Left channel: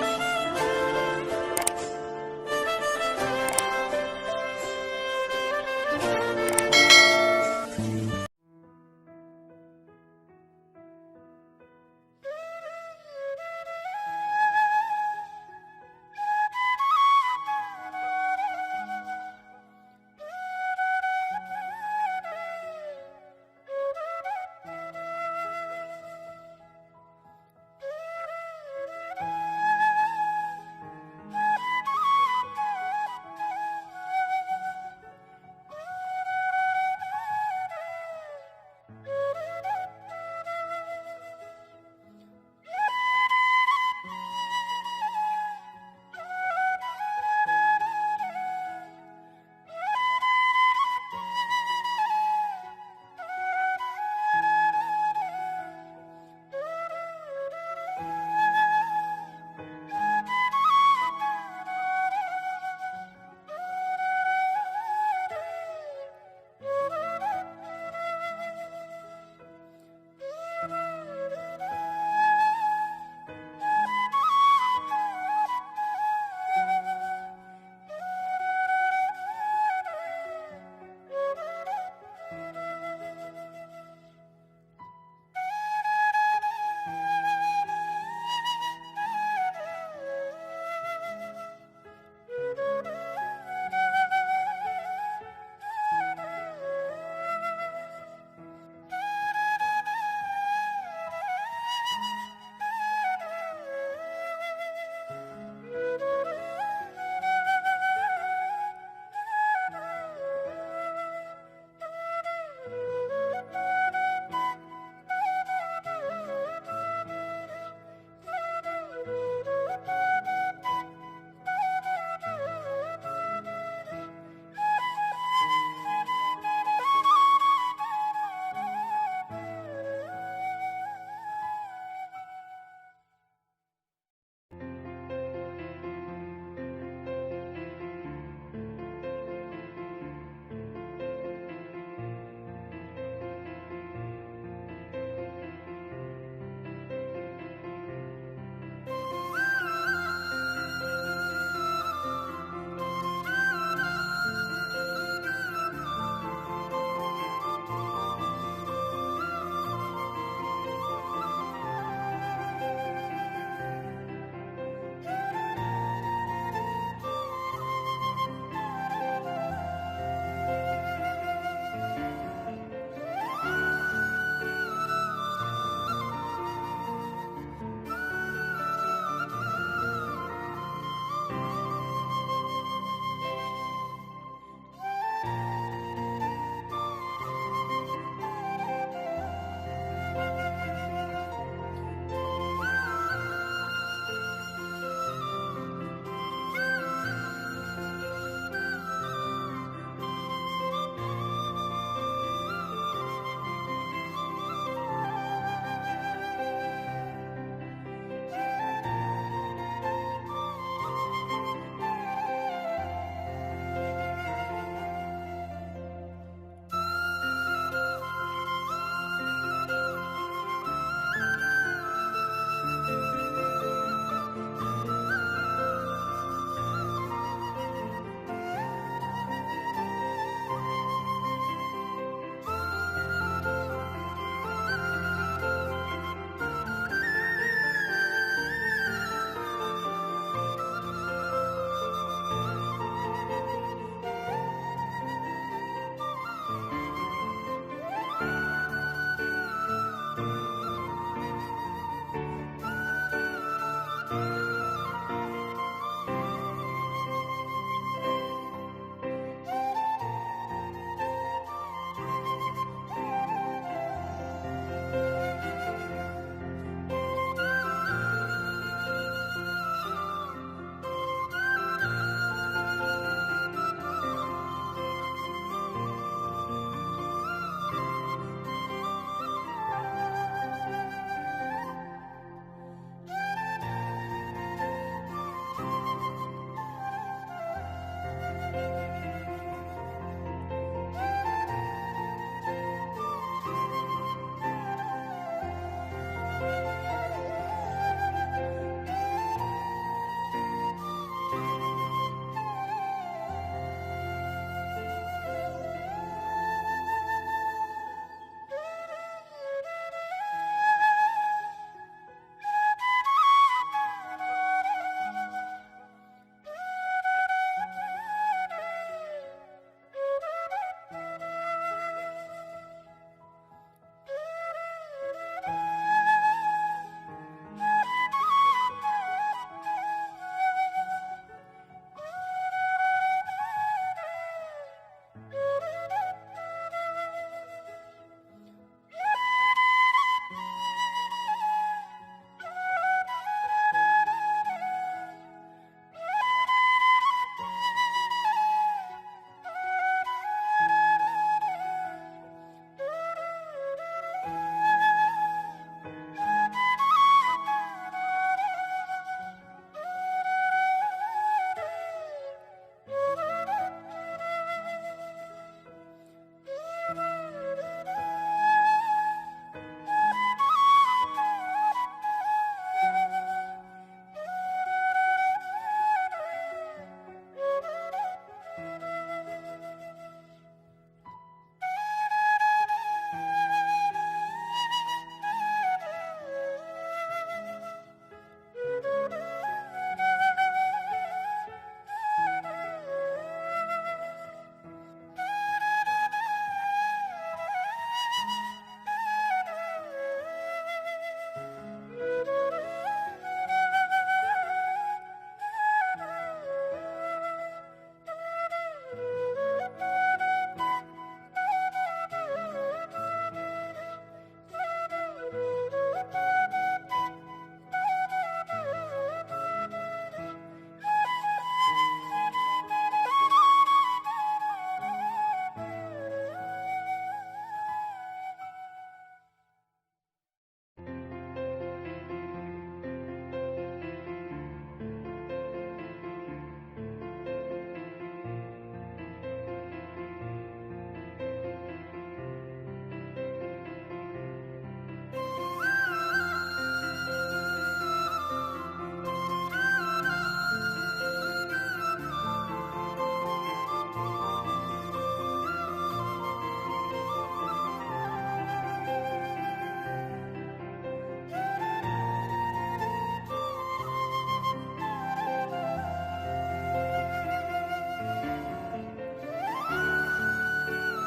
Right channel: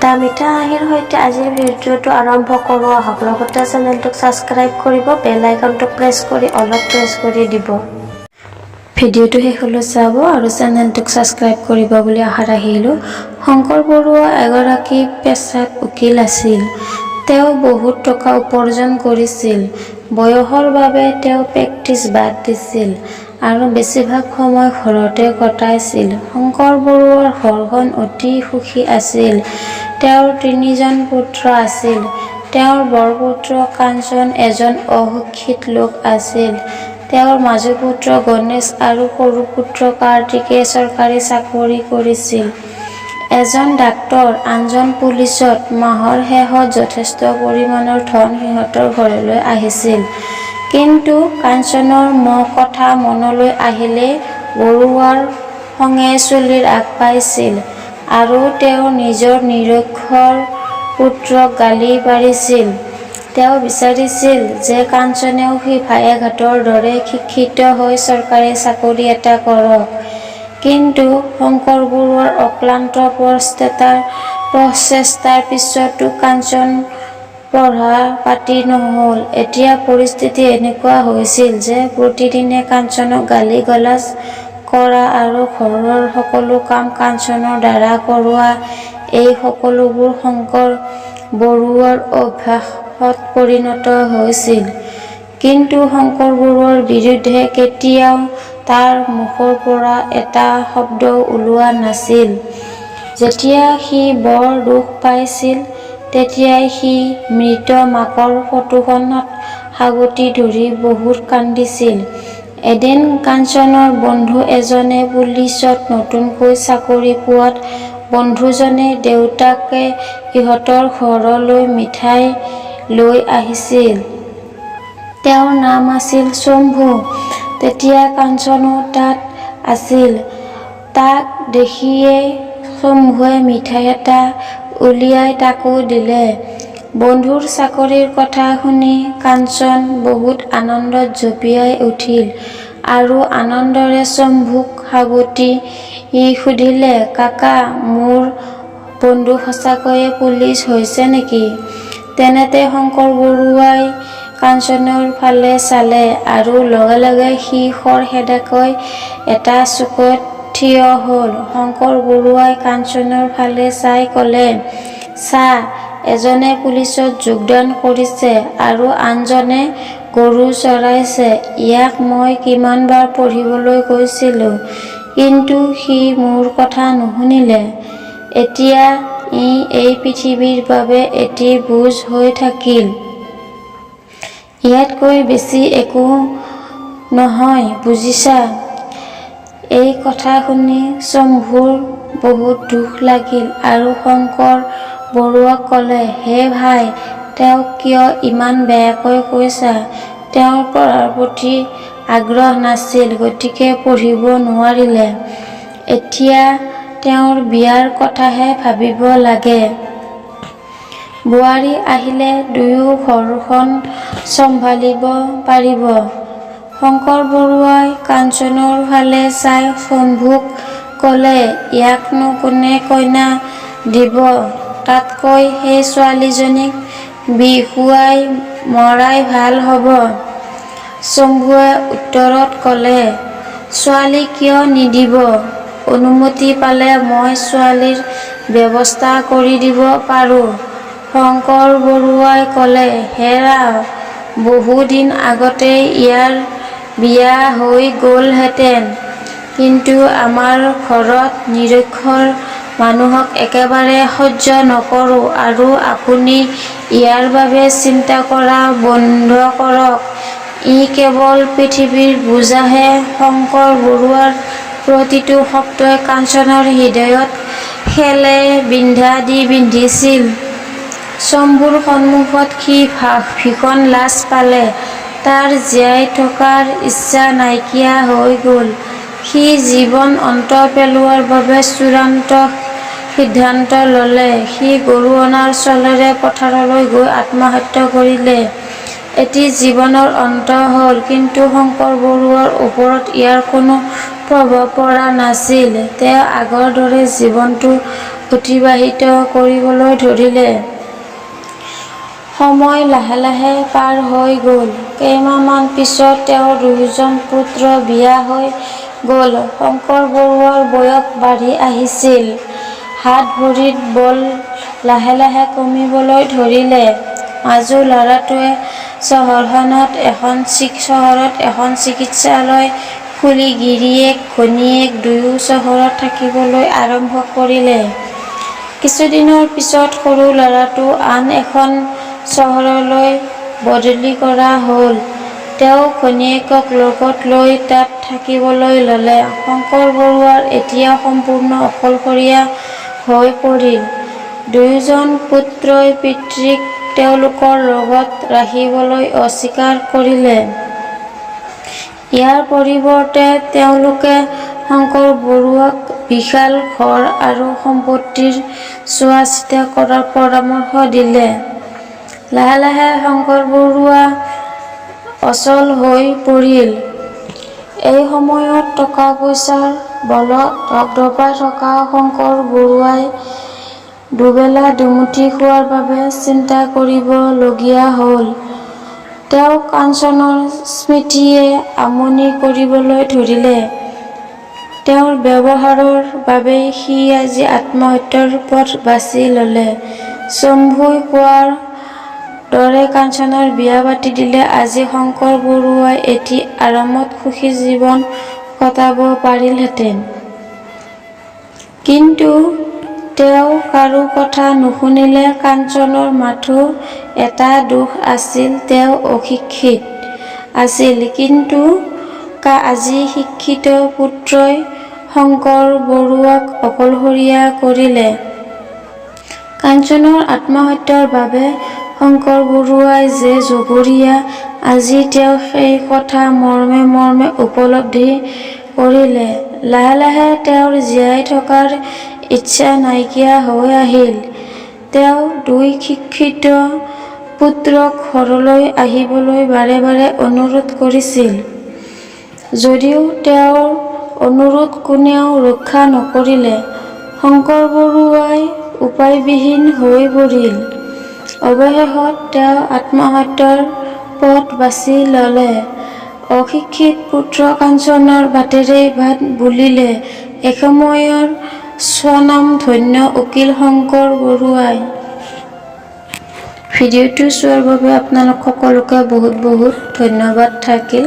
এটা মিঠা হাঁহিৰ সৈতে আজিৰ ভিডিঅ'টো আৰম্ভ কৰোঁ আহক। লগতে চেনেলটোক ছাবস্ক্ৰাইব কৰিব, বেল আইকনটো প্ৰেছ কৰি দিব। ভিডিঅ'টো শেষলৈ চাব আৰু চেনেলটোক ছাবস্ক্ৰাইব কৰিব বুলি আশা ৰাখিলোঁ। শংকৰ বৰুৱা এগৰাকী পেছাত উকিল আছিল। তেওঁ বহুত টকা উপাৰ্জন কৰিছিল। বয়সৰ বাবে তেওঁ প্ৰেক্টিছ বাদ দিছিল আৰু বেছিভাগ সময় ঘৰতে কটাইছিল। শংকৰ বৰুৱাৰ ঘৰখন অতি সুখী আছিল। তেওঁৰ ৩জন পুত্ৰ আছিল। তেওঁৰ বৰপুত্ৰ কাঞ্চন এজন অশিক্ষিত লোক আছিল। তেওঁৰ মাজু পুত্ৰ গণেশ আৰু সৰু পুত্ৰ কাৰ্তিকে চৰকাৰী চাকৰি কৰিছিল। এজন ডাক্তৰ, আনজন পুলিচত। মাহৰ শেষত যথেষ্ট পৰিমাণৰ ধন সিহঁতৰ ঘৰলৈ আহিছিল। কিন্তু কাঞ্চনৰ কথা মনলৈ আহিলে বৰুৱাৰ খঙে চুলিৰ আগ পাইছিল আৰু তেওঁ নিজৰ নিৰক্ষৰ পুত্ৰক গালি পাৰিছিল। তেওঁ বিচাৰিছিল যে কাঞ্চনেও সেই ভায়েকহঁতৰ দৰে শিক্ষিত হৈ চৰকাৰী চাকৰি এটা কৰক। কিন্তু শংকৰ বৰুৱাৰ অক্লান্ত প্ৰচেষ্টাৰ পিছতো কাঞ্চন পঢ়া পাতি নহ'ল। এতিয়া পৰিস্থিতি এনেকুৱা হৈছিল যে প্ৰতিদিনে কাঞ্চনক গালি গালাজ কৰা আৰু ঘৰৰ সকলো কাম কাঞ্চনৰ দ্বাৰা কৰোৱা, এই সকলোবোৰ শংকৰ বৰুৱাৰ অভ্যাসত পৰিণত হৈছিল। কিন্তু শংকৰ বৰুৱাৰ বিৰুদ্ধে কেতিয়াও তাৰ মুখৰ পৰা এটা শব্দও ওলোৱা নাছিল। যেতিয়া সি বৰ দুখ পাইছিল তেতিয়াই সি মৃত মাকৰ ফটোখনত সাৱটি ধৰি বহুত কান্দিছিল। এদিন কাঞ্চনৰ বন্ধু এজনে পুলিচত নতুনকৈ চাকৰি পোৱাত বন্ধুজনে দেউতাকে সিহঁতৰ ঘৰলৈ মিঠাই লৈ আহিছিল। তেওঁৰ নাম আছিল শম্ভু। তেতিয়া কাঞ্চনো তাত আছিল। তাক দেখিয়েই শম্ভুৱে মিঠাই এটা উলিয়াই তাকো দিলে। বন্ধুৰ চাকৰিৰ কথা শুনি কাঞ্চন বহুত আনন্দত জঁপিয়াই উঠিল আৰু আনন্দেৰে শম্ভুক সাৱটি সুধিলে, কাকা, মোৰ বন্ধু সঁচাকৈয়ে পুলিচ হৈছে নেকি? তেনেতে শংকৰ বৰুৱাই কাঞ্চনৰ ফালে চালে আৰু লগে লগে সি খৰখেদাকৈ এটা চুকত থিয় হ'ল। শংকৰ বৰুৱাই কাঞ্চনৰ ফালে চাই ক'লে, চা, এজনে পুলিচত যোগদান কৰিছে আৰু আনজনে গৰু চৰাইছে। ইয়াক মই কিমানবাৰ পঢ়িবলৈ কৈছিলোঁ, কিন্তু সি মোৰ কথা নুশুনিলে। এতিয়া ই এই পৃথিৱীৰ বাবে এটি বোজ হৈ থাকিল। ইয়াতকৈ বেছি একো নহয়, বুজিছা? এই কথা শুনি শম্ভুৰ বহুত দুখ লাগিল আৰু শংকৰ বৰুৱাক ক'লে, হে ভাই, তেওঁক কিয় ইমান বেয়াকৈ কৈছা? তেওঁৰ পঢ়াৰ প্ৰতি আগ্ৰহ নাছিল, গতিকে পঢ়িব নোৱাৰিলে। এতিয়া তেওঁৰ বিয়াৰ কথাহে ভাবিব লাগে। বোৱাৰী আহিলে দুয়ো ঘৰখন চম্ভালিব পাৰিব। শংকৰ বৰুৱাই কাঞ্চনৰ ফালে চাই শম্ভুক ক'লে, ইয়াকনো কোনে কইনা দিব? তাতকৈ সেই ছোৱালীজনীক বিহুৱাই মৰাই ভাল হ'ব। শম্ভুৱে উত্তৰত ক'লে, ছোৱালী কিয় নিদিব? অনুমতি পালে মই ছোৱালীৰ ব্যৱস্থা কৰি দিব পাৰোঁ। শংকৰ বৰুৱাই ক'লে, হেৰা, বহুদিন আগতেই ইয়াৰ বিয়া হৈ গ'লহেঁতেন, কিন্তু আমাৰ ঘৰত নিৰক্ষৰ মানুহক একেবাৰে সহ্য নকৰোঁ আৰু আপুনি ইয়াৰ বাবে চিন্তা কৰা বন্ধ কৰক। ই কেৱল পৃথিৱীৰ বোজাহে। শংকৰ বৰুৱাৰ প্ৰতিটো শব্দই কাঞ্চনৰ হৃদয়ত শেলে বিন্ধা দি বিন্ধিছিল। শম্ভুৰ সন্মুখত সি ভীষণ লাজ পালে। তাৰ জীয়াই থকাৰ ইচ্ছা নাইকিয়া হৈ গ'ল। সি জীৱন অন্ত পেলোৱাৰ বাবে চূড়ান্ত সিদ্ধান্ত ল'লে। সি গৰু অনাৰ চলেৰে পথাৰলৈ গৈ আত্মহত্যা কৰিলে। এটি জীৱনৰ অন্ত হ'ল, কিন্তু শংকৰ বৰুৱাৰ ওপৰত ইয়াৰ কোনো প্ৰভাৱ পৰা নাছিল। তেওঁ আগৰ দৰে জীৱনটো অতিবাহিত কৰিবলৈ ধৰিলে। সময় লাহে লাহে পাৰ হৈ গ'ল। কেইমাহমান পিছত তেওঁৰ 2জন পুত্ৰ বিয়া হৈ গ'ল। শংকৰ বৰুৱাৰ বয়স বাঢ়ি আহিছিল। হাত-ভৰিৰ বল লাহে লাহে কমিবলৈ ধৰিলে। মাজু ল'ৰাটোৱে চহৰত এখন চিকিৎসালয় খুলি গিৰিয়েক ঘৈণীয়েক দুয়ো চহৰত থাকিবলৈ আৰম্ভ কৰিলে। কিছুদিনৰ পিছত সৰু ল'ৰাটো আন এখন চহৰলৈ বদলি কৰা হ'ল। তেওঁ ঘৈণীয়েকক লগত লৈ তাত থাকিবলৈ ল'লে। শংকৰ বৰুৱাৰ এতিয়া সম্পূৰ্ণ অকলশৰীয়া হৈ পৰিল। 2জন পুত্ৰই পিতৃক তেওঁলোকৰ লগত ৰাখিবলৈ অস্বীকাৰ কৰিলে। ইয়াৰ পৰিৱৰ্তে তেওঁলোকে শংকৰ বৰুৱাক বিশাল ঘৰ আৰু সম্পত্তিৰ চোৱা-চিতা কৰাৰ পৰামৰ্শ দিলে। লাহে লাহে শংকৰ বৰুৱা অচল হৈ পৰিল। এই সময়ত টকা-পইচাৰ বলত ধপধপাই থকা শংকৰ বৰুৱাই দুবেলা দুমুঠি খোৱাৰ বাবে চিন্তা কৰিব লগীয়া হ'ল। তেওঁক কাঞ্চনৰ স্মৃতিয়ে আমনি কৰিবলৈ ধৰিলে। তেওঁৰ ব্যৱহাৰৰ বাবেই সি আজি আত্মহত্যাৰ পথ বাছি ল'লে। শম্ভুই কোৱাৰ দৰে কাঞ্চনৰ বিয়া পাতি দিলে আজি শংকৰ বৰুৱাই এটি আৰামত সুখী জীৱন কটাব পাৰিলহেঁতেন। কিন্তু তেওঁ কাৰো কথা নুশুনিলে। কাঞ্চনৰ মাথো এটা দোষ আছিল, তেওঁ অশিক্ষিত আছিল। কিন্তু আজি শিক্ষিত পুত্ৰই শংকৰ বৰুৱাক অকলশৰীয়া কৰিলে। কাঞ্চনৰ আত্মহত্যাৰ বাবে শংকৰ বৰুৱাই যে জগৰীয়া, আজি তেওঁ সেই কথা মৰ্মে মৰ্মে উপলব্ধি কৰিলে। লাহে লাহে তেওঁৰ জীয়াই থকাৰ ইচ্ছা নাইকিয়া হৈ আহিল। তেওঁ 2 শিক্ষিত পুত্ৰক ঘৰলৈ আহিবলৈ বাৰে বাৰে অনুৰোধ কৰিছিল। যদিও তেওঁৰ অনুৰোধ কোনেও ৰক্ষা নকৰিলে। শংকৰ বৰুৱাই উপায়বিহীন হৈ পৰিল। অৱশেষত তেওঁ আত্মহত্যাৰ পথ বাছি ল'লে। অশিক্ষিত পুত্ৰ কাঞ্চনৰ বাটেৰে বাট বুলিলে এসময়ৰ স্বনামধন্য উকিল শংকৰ বৰুৱাই। ভিডিঅ'টো চোৱাৰ বাবে আপোনালোক সকলোকে বহুত বহুত ধন্যবাদ থাকিল।